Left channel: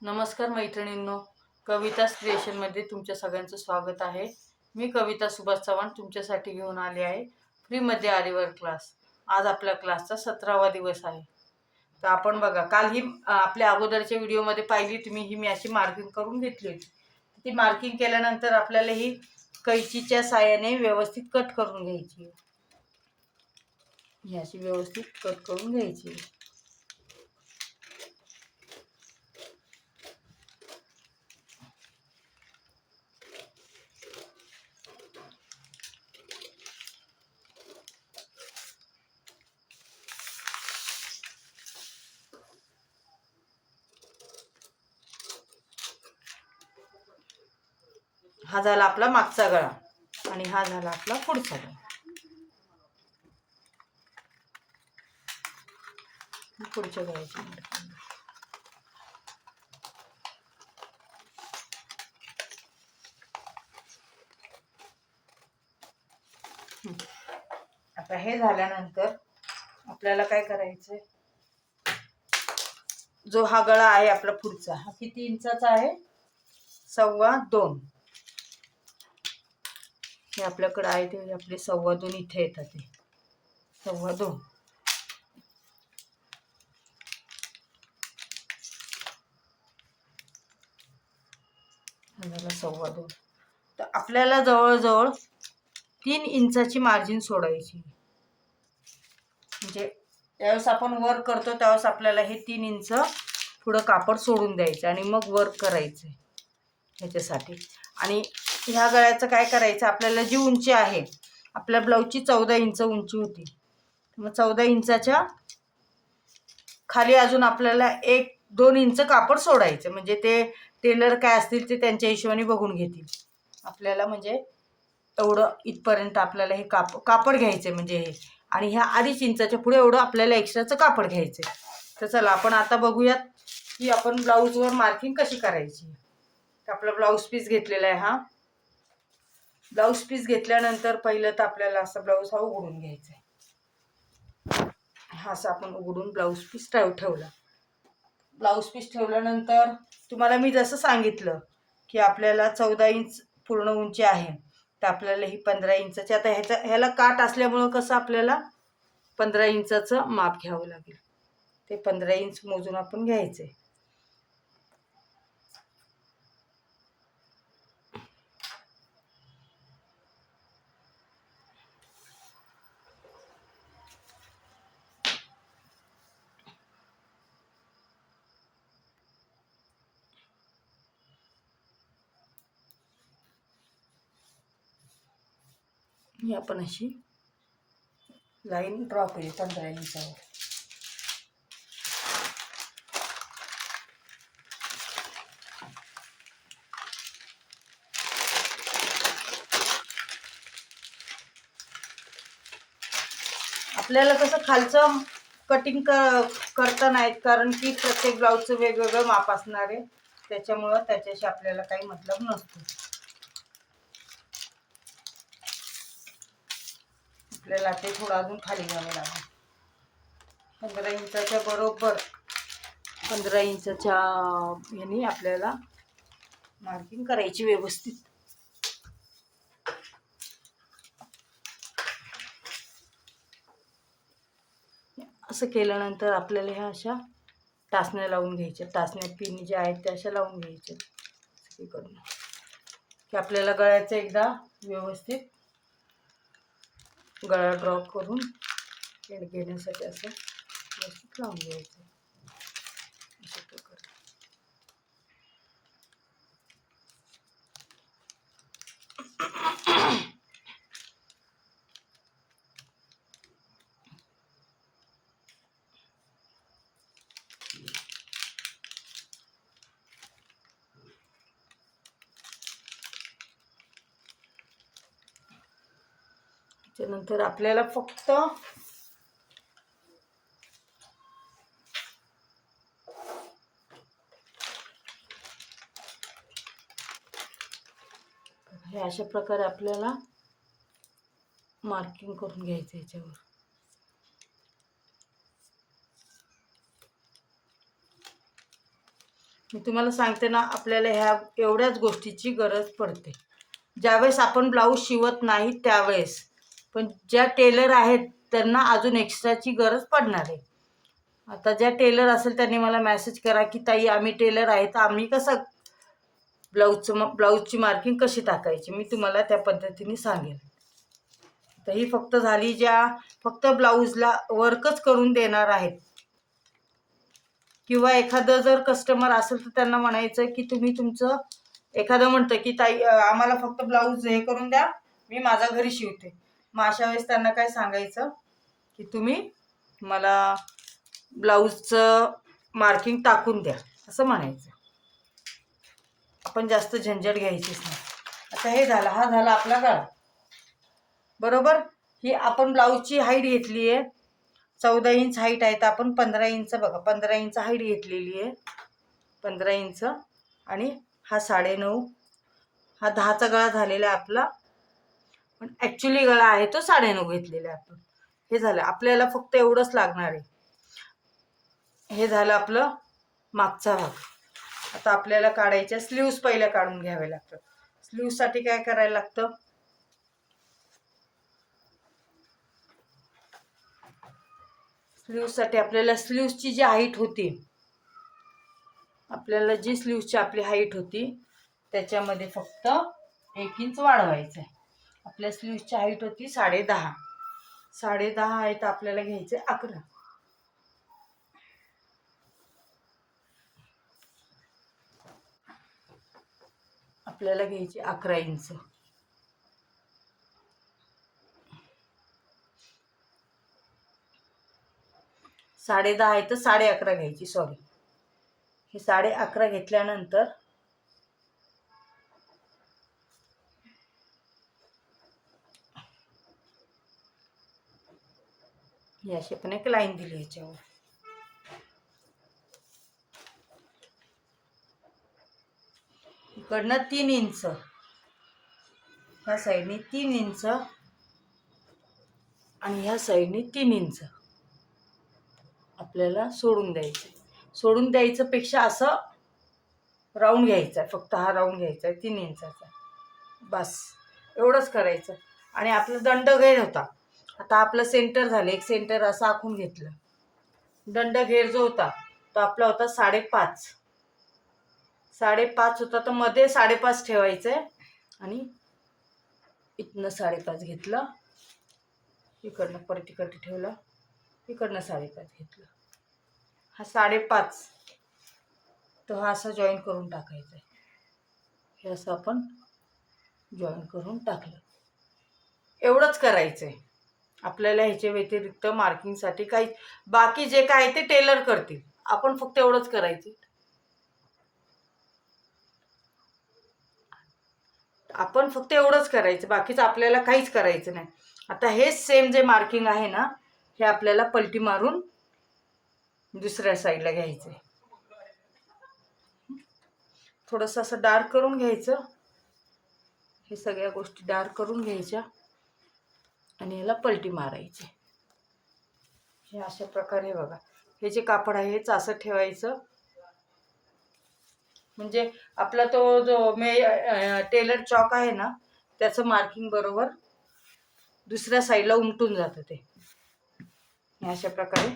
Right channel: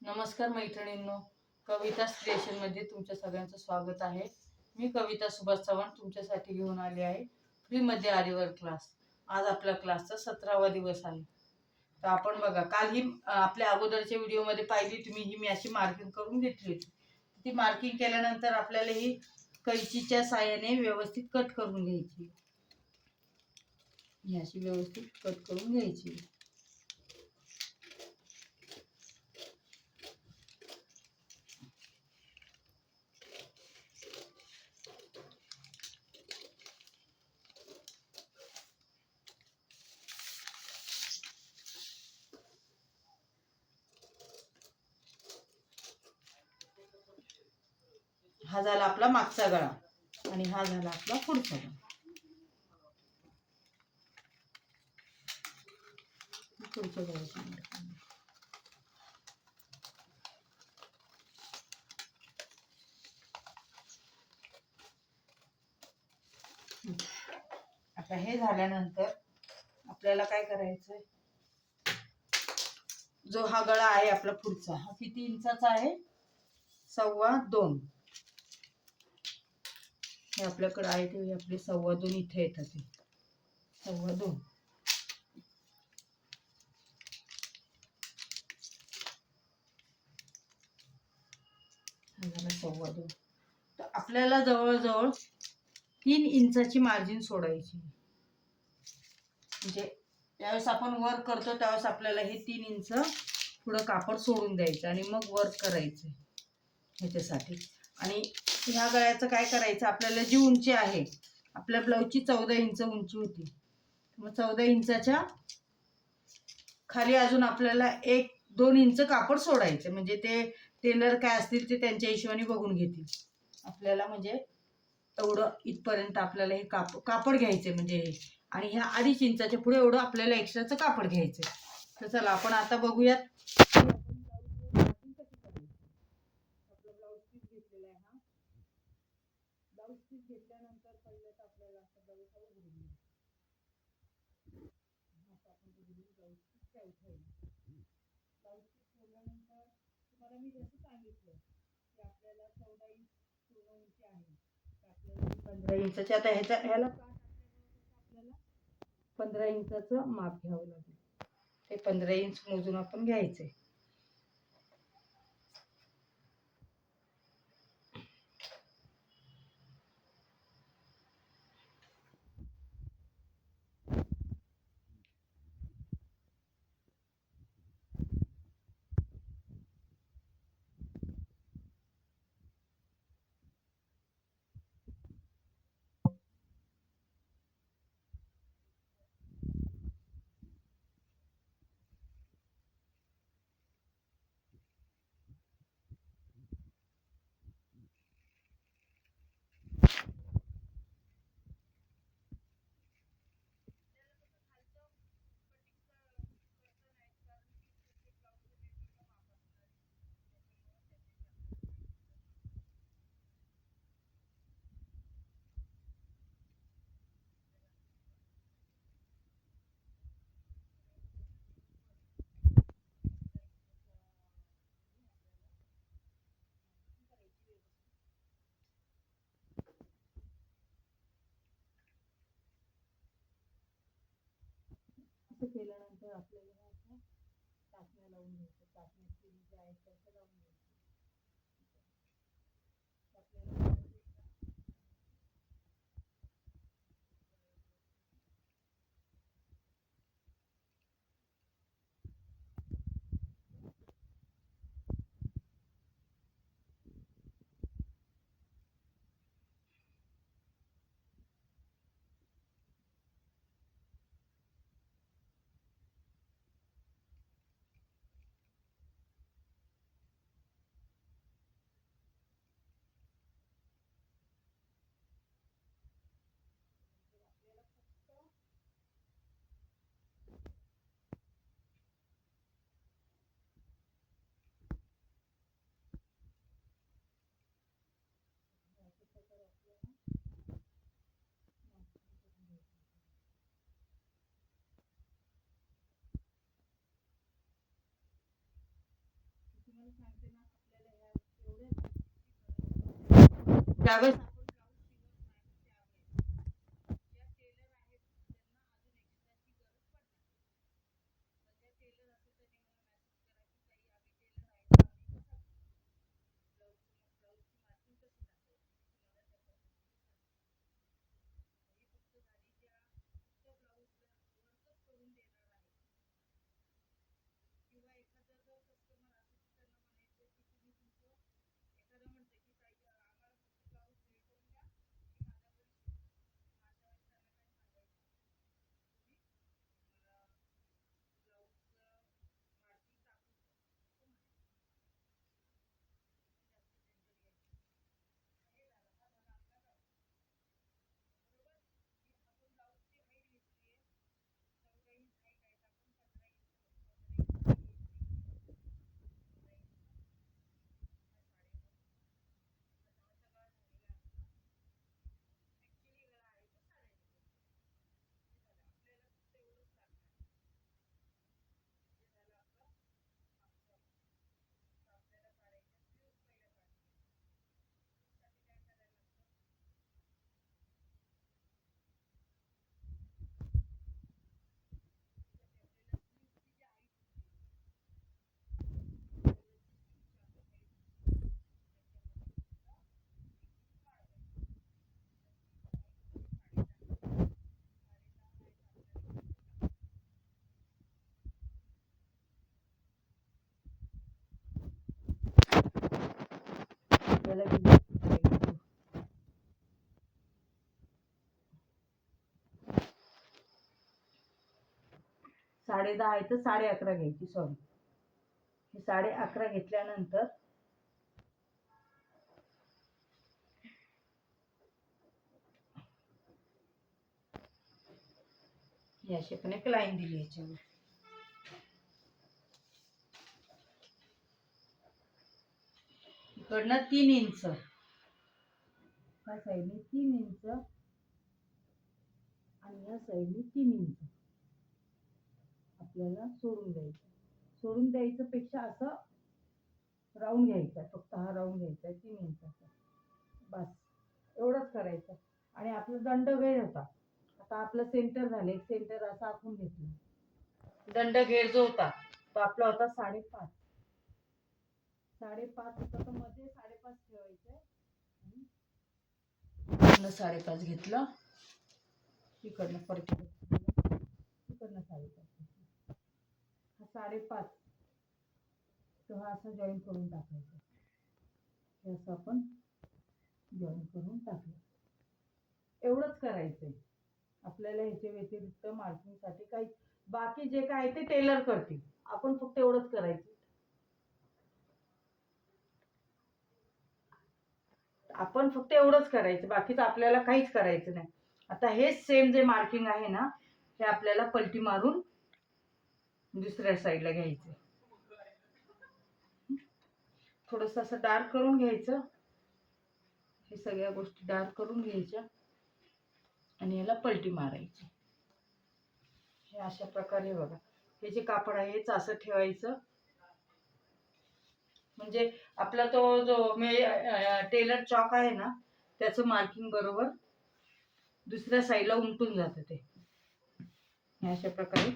नमस्कार मैत्रिणींनो, कविता क्रिएशनमध्ये तुमच्या सगळ्यांचं स्वागत आहे. मी कविता सुभाष चव्हाण तुमच्यासाठी घेऊन आले आहे फ्रीमध्ये आरीवर्क क्लास. आज आपल्या क्लासचा 17वा दिवस आहे. तर आपण बघा, काल ही आपल्या अगोदरच्या व्हिडिओमध्ये पाहिली तुम्ही, ही मी अशी मार्किंग करून घेतली होती. ती मार्किंग केल्यानंतर आपल्याला ही कैचीच्या साहाय्याने व्यवस्थित कट करून घ्यायची. ही अशी व्यवस्थित कट करून घ्यायची. हा झाला आपला मागचा गळा आणि हा झाला आपला पुढचा गळा. पुढच्या गळ्याची आता हे झाल्यानंतर आपल्याला काय करायचंय, जो हा गळा आहे आपला पुढचा, हा किती इंचाचा आहे? 2.25. हे आपल्याकडे आहे ते आपले 2.25 इथे येतात. ते 2.25 झाला 2.25. तर आपल्याला जवळजवळ 3 इंचाची मार्जिन सोडायची. म्हणजे त्यावेळेस आपण वर्क करतो त्यावेळेस आपल्याला हे 3 इंच पुढं कापड सोडून द्यायचं आणि मग वर्क करायचं ह्याच्यासाठी. आणि ह्या गळ्याचं काय करायचं, आपल्याला जी उंची आहे, आपल्या ब्लाऊजची 14 इंच उंची होती, मग 14 इंचाच्या खाली अजून आपल्याला 1-2 इंच कापड सोडायचं. म्हणजे ते टेलर काय असतील ते त्यांच्या हिशोबाने बघून घेतील आपल्याला. म्हणजे एवढं इथपर्यंत आपल्याला हे कापड घ्यायचं म्हणजे हे, आणि ह्या 2.5 इंचाच्या पुढे एवढं आपल्याला एक्स्ट्राचं कापड घ्यायचं. तर चला आपण आता बघूयात की आपण ब्लाऊजवर मार्किंग कशी करायची. तर आपला ब्लाऊज पीस घेतलेला आहे. हा ब्लाऊज पीस घेतल्यानंतर पहिलं तर आपल्याला असा ब्लाऊज हा उघडून घ्यायचा आहे. हा असा आपण उघडून ब्लाऊज पीस ठेवला. ब्लाऊज पीस ठेवल्यानंतर तुम्हाला मी जसं सांगितलं की आपल्याला 14 इंच पूर्ण उंची आहे, तर आपल्याला ही 15 इंचाची, आता ह्याला काट असल्यामुळं कसं आपल्याला 15 इंचाचं माप घ्यावं लागेल. ते 15 इंच मोजून आपण घ्यायचे. ही आपण अशी लाईन ड्रॉ केली 15 इंचावर. आपल्याला कसं खालचं कटिंग करता नाहीत, कारण की प्रत्येक ब्लाऊजचं वेगवेगळं माप असणार आहे, त्याच्यामुळं त्याच्याशी आपल्याला काही मतलब नसतो. आपल्याला ते थोडं अजून खाली घ्यावं लागेल. 15 इंचाच्या बरोबर 15 इंचाच्या ह्यानी आपल्याला मार्किंग करायची व्यवस्थित. असं केल्यानंतर आपल्याला ह्या अशा टाचण्या लावून घ्यायच्या. टाचण्या पिन ज्या आहेत त्या अशा लावून घ्यायच्या सगळीकडून, की आपल्याला गळ्याचं एकदा व्यवस्थित गळा ड्रॉ करून घेण्यासाठी असं व्यवस्थित लावून घ्यायचं. त्यानंतर आपल्याला फक्त हे अशा प्रकारे आपल्याला मार्किंग करून घ्यायचं याच्यावर. मी तुम्हाला सांगते ना, आपल्याला ह्या एवढ्याच गोष्टीची गरज पडते ज्यावेळेस आपण ब्लाऊज शिवत नाही त्यावेळेस. पण ज्या टेलर आहेत त्यांना अजून एक्स्ट्राची गरज पडणार आहे. आता ज्या टेलर असेल त्यांनी मला मेसेज करा की ताई आम्ही टेलर आहे, तर आम्ही कसं ब्लाऊजची मार्किंग कशी टाकायची, मी तुम्हाला त्या पद्धतीने सांगेन. तर ही फक्त झाली ज्या फक्त ब्लाऊजला वर्कच करून देणार आहेत. किंवा एखादं जर कस्टमर असेल तर त्यांना म्हणायचं की तुम्ही तुमचं, एखादं म्हणतं की ताई आम्हाला फक्त ब्लाऊज हे करून द्या, मी माझा घरी शिवते. मग अशा वेळेस त्यांना काय सांगायचं की तुम्ही मला ब्लाऊजचं मार्किंग टाकून द्या, असं म्हणायचं. आपण जास्त झंझट घ्यायचीच नाही. आता हे झालं, हा झाला आपला गळा. बरोबर. ही आपण ब्लाऊजची हाईट घेतली आहे 14 इंच हाईट आहे, तर आपण 15 इंच, बघा 15 इंच हाईट घेतलेली आहे, 15 इंच. आणि हा 9.5, हा 10चा गळा झालेला आहे आपला, पण ॲक्च्युली गळा आहे तो 9.5 घेतलेला आहे आपण. हे झालं, आपल्याला फक्त एवढंच लागणार आहे. हे झालं आपलं मागचा भाग. आता आपल्याला काढायच्या स्लीव्स पहिल्या काढून घ्यावे लागतात. स्लीव्ससाठी काय करायला लागतं, स्लीव्ससाठी आपल्याला स्लीव्सची जी हाईट होती, आपल्याला जी स्लीव्सची आपली हाईट होती त्याच्यामध्ये फक्त 1 इंच वाढवायचं आहे. आपल्या स्लीव्सची हाईट होती 10.5, 10.5 आहे, तर आपल्याला घ्यायचे 11. आपल्याला घ्यायचे 11 इंच. साडे 10 आहे तर 11.5 घ्यायची, सॉरी. हे 11.5 घेतल्यानंतर ही अशी पण एक लाईन दिली याच्यावर. इकडनं 3 इंच, ह्या साईडने 3 इंच आणि ह्या साईडने 3 इंच आपल्याला सोडून द्यायचं. सोडून द्यायचं पेक्षा असं राऊंड घ्यायचा आहे, फक्त हा राऊंड घ्यायचा आहे 3 इंचाचा, बस एवढंच करायचं. आणि आपलं दंडघेर होता, आता आपलं सेंटर झालं, एक सेंटर असं आखून घेतलं. दंडघेर जो होता तो आपला होता 5.5, 5.5 होता, तर मध्ये 5.5 ठेवायचं आहे. आणि इकडनं 5.5 घेतलं, इकडनं परत इकडे ठेवलं, इकडनं 5.5 घेतलं, हा 5.5. तो हा असा जॉईन करून टाकायचा आहे. हे असं आपण जॉईन करून टाकलं. एवढंच करायचं आहे आपल्याला. ह्याच्या व्यतिरिक्त मार्किंगसाठी काही बाकी जे काय ते टेलर करतील, आपण फक्त एवढंच करायचं. आपण फक्त एवढंच करायचं, बाकीचं आपल्याला काहीच करायचं नाही. आता हेच सेम जे मार्किंग आहे ना, हे आपल्याला पलटी मारून दुसऱ्या साईडला घ्यायचं आहे. थोडंसं असं डार्क करून घ्यायचं, हे सगळ्या गोष्टी डार्क करून घ्यायच्या आणि याला पलटी मारायची. हे अशा प्रकारे बघा, हे जे कापड आहे हेच असं ठेवायचं, म्हणजे आपला तो जो टेलर चॉक आहे ना, त्याचं मार्किंग बरोबर दुसऱ्या साईडला उमटून जातं. ते अशा प्रकारे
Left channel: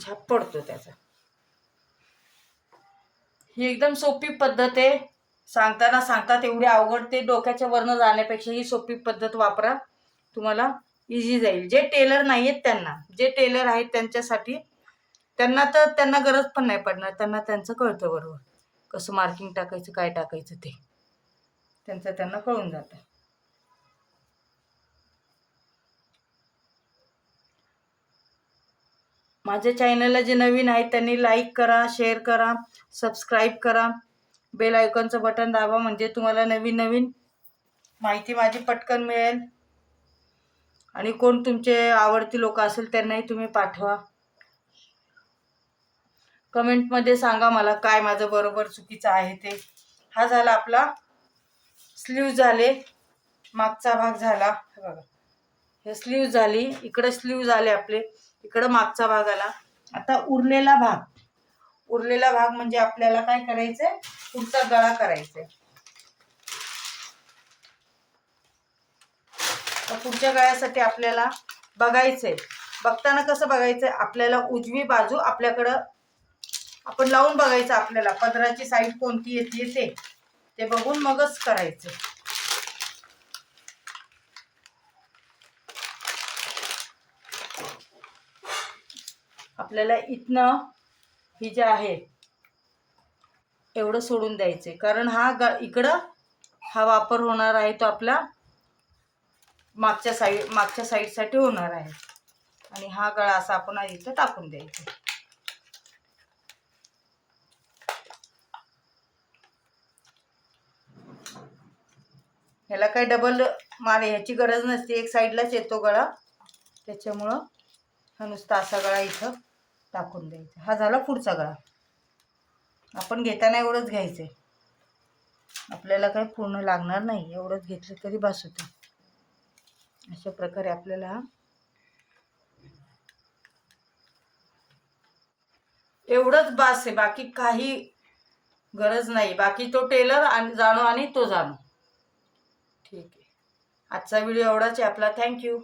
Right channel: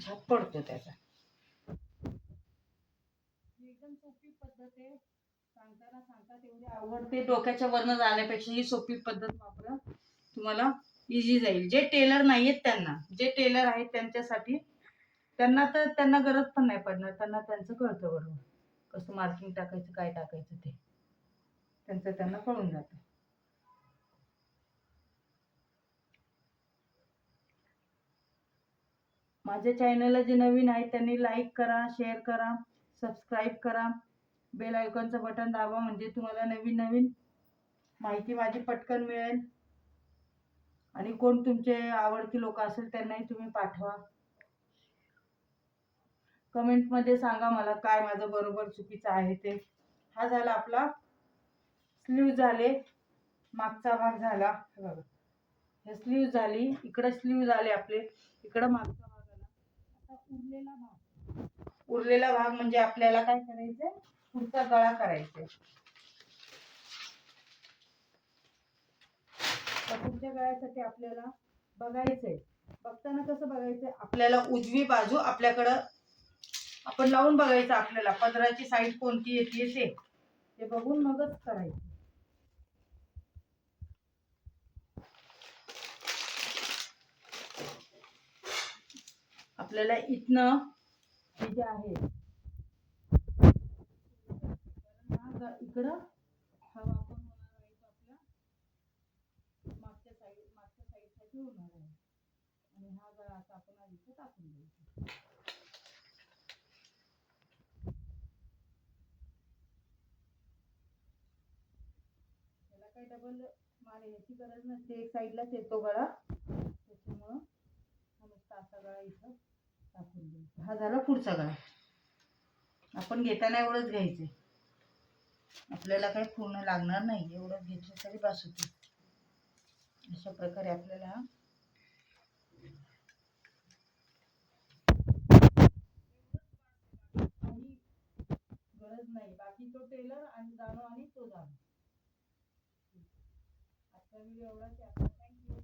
छाप पडतो त्याचा. ही एकदम सोपी पद्धत आहे. सांगताना सांगतात एवढी अवघड, ते डोक्याच्या वरनं जाण्यापेक्षा ही सोपी पद्धत वापरा, तुम्हाला इझी जाईल. जे टेलर नाही आहेत त्यांना, जे टेलर आहेत त्यांच्यासाठी, त्यांना तर त्यांना गरज पण नाही पडणार, त्यांना त्यांचं कळतं बरोबर कसं मार्किंग टाकायचं, काय टाकायचं ते त्यांना कळून जातं. माझ्या चॅनलला जे नवीन आहेत त्यांनी लाईक करा, शेअर करा, सबस्क्राईब करा, बेल आयकॉनचं बटन दाबा, म्हणजे तुम्हाला नवीन नवीन माहिती माझी पटकन मिळेल. आणि कोण तुमचे आवडती लोक असेल त्यांनाही तुम्ही पाठवा. कमेंटमध्ये सांगा मला काय माझं बरोबर चुकीचं आहे ते. हा झाला आपला स्लीव्ह झाले, मागचा भाग झाला, बघा हे स्लीव्ह झाली, इकडं स्लीव्ह झाले आपले, इकडं मागचा भाग आला. आता उरलेला भाग म्हणजे आपल्याला काय करायचंय, पुढचा गळा करायचा आहे. पुढच्या गळ्यासाठी आपल्याला बघायचंय. बघताना कसं बघायचंय, आपल्याला उजवी बाजू आपल्याकडं आपण लावून बघायचं, आपल्याला पदराची साईड कोणती येते ते बघून मगच करायचं. आपल्याला इथनं ही जे आहे एवढं सोडून द्यायचे, कारण हा इकडं हा वापर होणार आहे तो आपला मागच्या साईडसाठी होणार आहे. आणि हा गळा असा आपण इथं टाकून द्यायचा. ह्याला काही डबल ह्याची गरज नसते, एक साईडलाच येतो गळा, त्याच्यामुळं हा नुसता असा गळा इथं टाकून द्यायचा. हा झाला पुढचा गळा. आपण घेताना एवढंच घ्यायचंय, आपल्याला काही पूर्ण लागणार नाही, एवढंच घेतलं तरी बस होतं. अशा प्रकारे आपल्याला एवढंच बास आहे, बाकी काही गरज नाही. बाकी तो टेलर आणि जाणो आणि तो जाणो. ठीक आहे, आजचा व्हिडिओ एवढाच आहे आपला. थँक्यू.